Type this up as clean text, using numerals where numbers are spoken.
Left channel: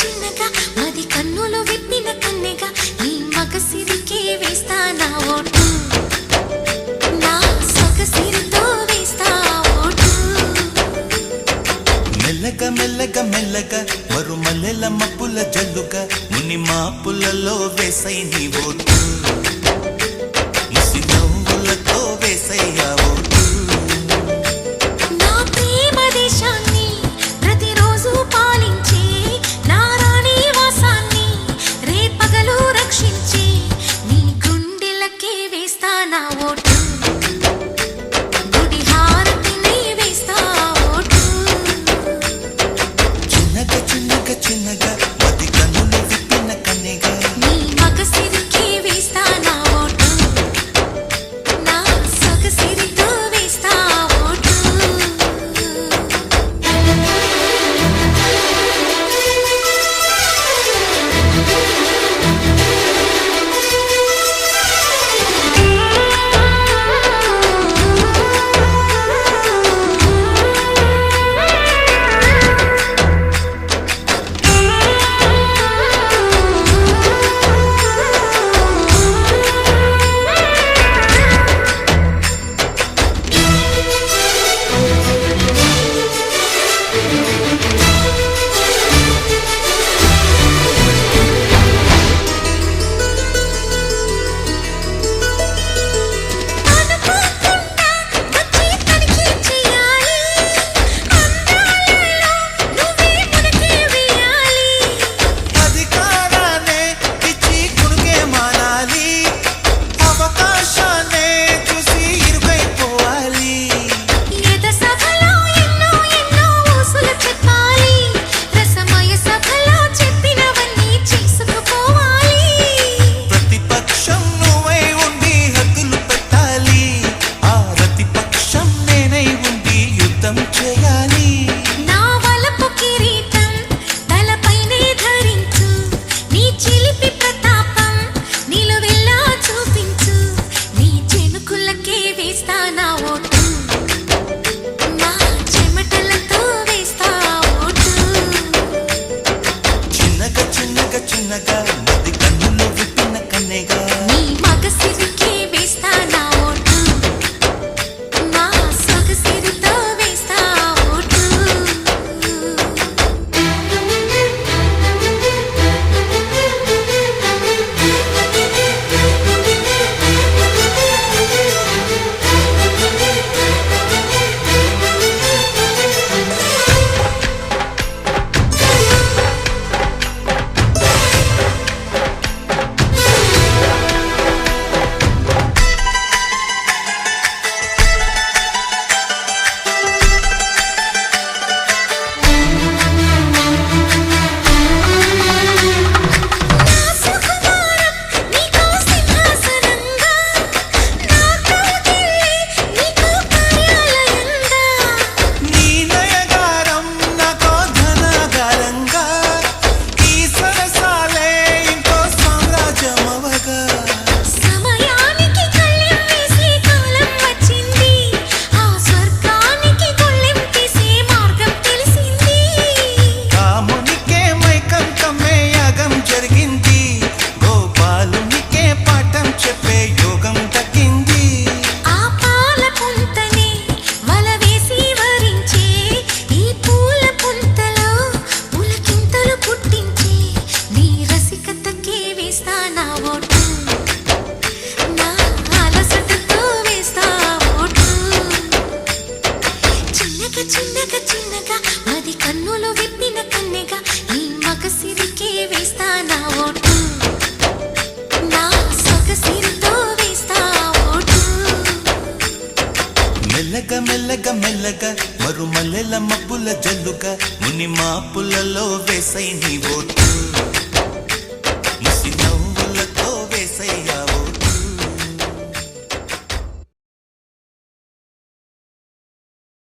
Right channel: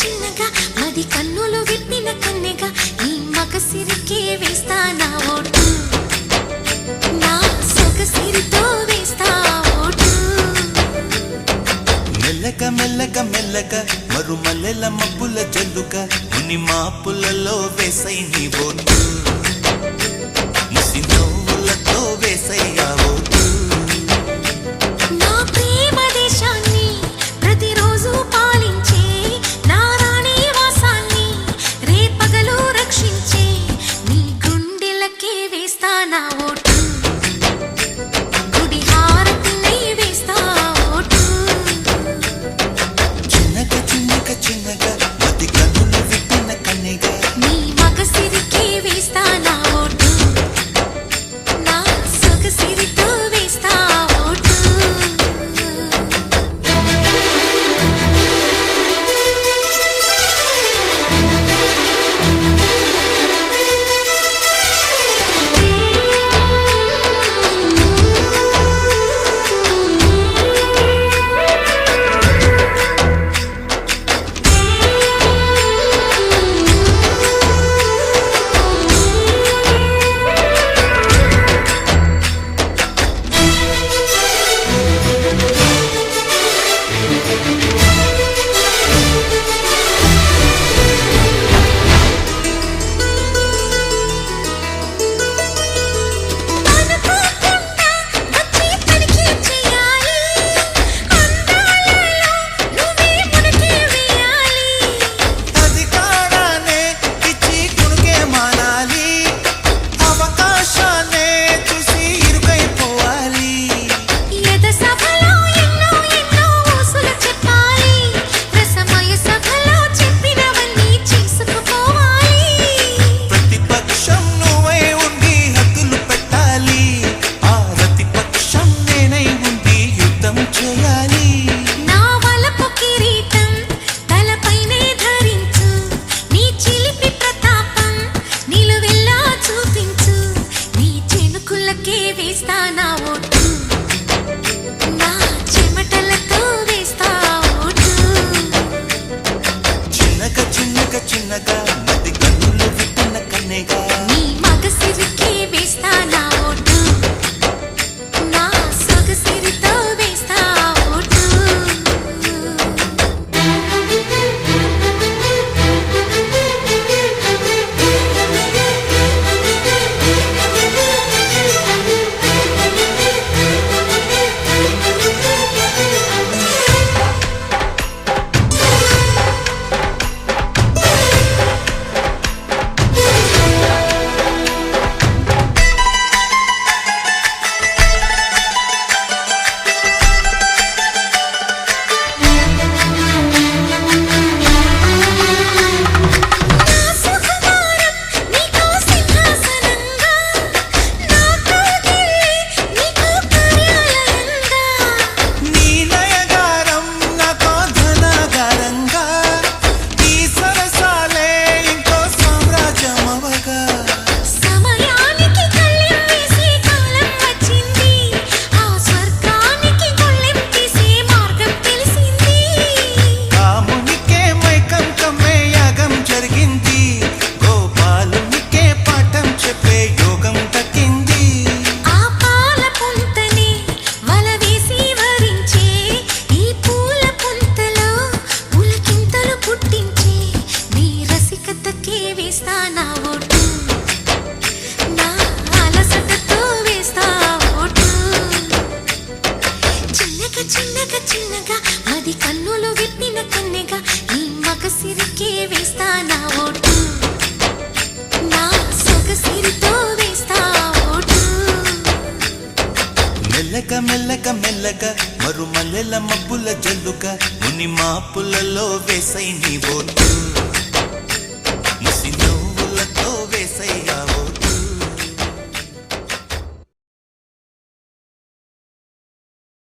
చిన్నగా మది కన్నులు విప్పిన కన్నెగా నీ మగసిరికే వేస్తా నా ఓటు, నా సొగసిరితో వేస్తా ఓటు. మెల్లగా మెల్లగా మెల్లగా మరుమల్లెల మబ్బుల జల్లుగా ముని మాపులలో వేసై నీ ఓటు, ముసి నవ్వులతో వేసయ్యా ఓటు. నా ప్రేమ దేశాన్ని ప్రతిరోజు పాలించే నా రాణి వాసాన్ని రేపగలు రక్షించే నీ గుండెలకే వేస్తా నా ఓటు, గుడి హారతినై వేస్తా ఓటు. చిన్నగా చిన్నగా చిన్నగా మది కన్నులు విప్పిన కన్నెగా నీ మగసిరికే వేస్తా నా ఓటు, నా సొగసిరితో వేస్తా ఓటు. అవకాశాన్నే చూసి ఇరుకైపోవాలి, ఎద సభలో ఎన్నో ఎన్నో ఊసులు చెప్పాలి, రసమయ సభలో చెప్పినవన్నీ చేసుకుపోవాలి. ప్రతిపక్షం నువ్వై ఉండి హద్దులు పెట్టాలి, ఆ ప్రతిపక్షం నేనై ఉండి యుద్ధం చేయాలి. నా వలపు కిరీటం తలపైనే ధరించు, నీ చిలిపి ప్రతాపం నిలువెల్లా చూపించు, నీ చెనుకులకే వేస్తా నా ఓటు, నా చెమటలతో వేస్తా ఓటు. చిన్నగా చిన్నగా చిన్నగా మది కన్నులు విప్పిన కన్నెగా నీ మగసిరికే వేస్తా నా ఓటు, నా సొగసిరితో వేస్తా ఓటు. సమయానికి కళ్ళెం వేసే కాలం వచ్చింది, ఆ స్వర్గానికి గొళ్ళెం తీసే మార్గం తెలిసింది. కామునికే మైకం కమ్మే యాగం జరిగింది, గోపాలునికే పాఠం చెప్పే యోగం దక్కింది. ఆ పాల పుంతని వల వేసి వరించే ఈ పూల పుంతలో పులకింతలు పుట్టించే నీ రసికతకే వేస్తా నా ఓటు, నా అలసటతో వేస్తా ఓటు. చిన్నగా చిన్నగా చిన్నగా మది కన్నులు విప్పిన కన్నెగా నీ మగసిరికే వేస్తా నా ఓటు, నా సొగసిరితో వేస్తా ఓటు. మెల్లగా మెల్లగా మెల్లగా మరుమల్లెల మబ్బుల జల్లుగా ముని మాపులలో వేసై నీ ఓటు, ముసి నవ్వులతో వేసయ్యా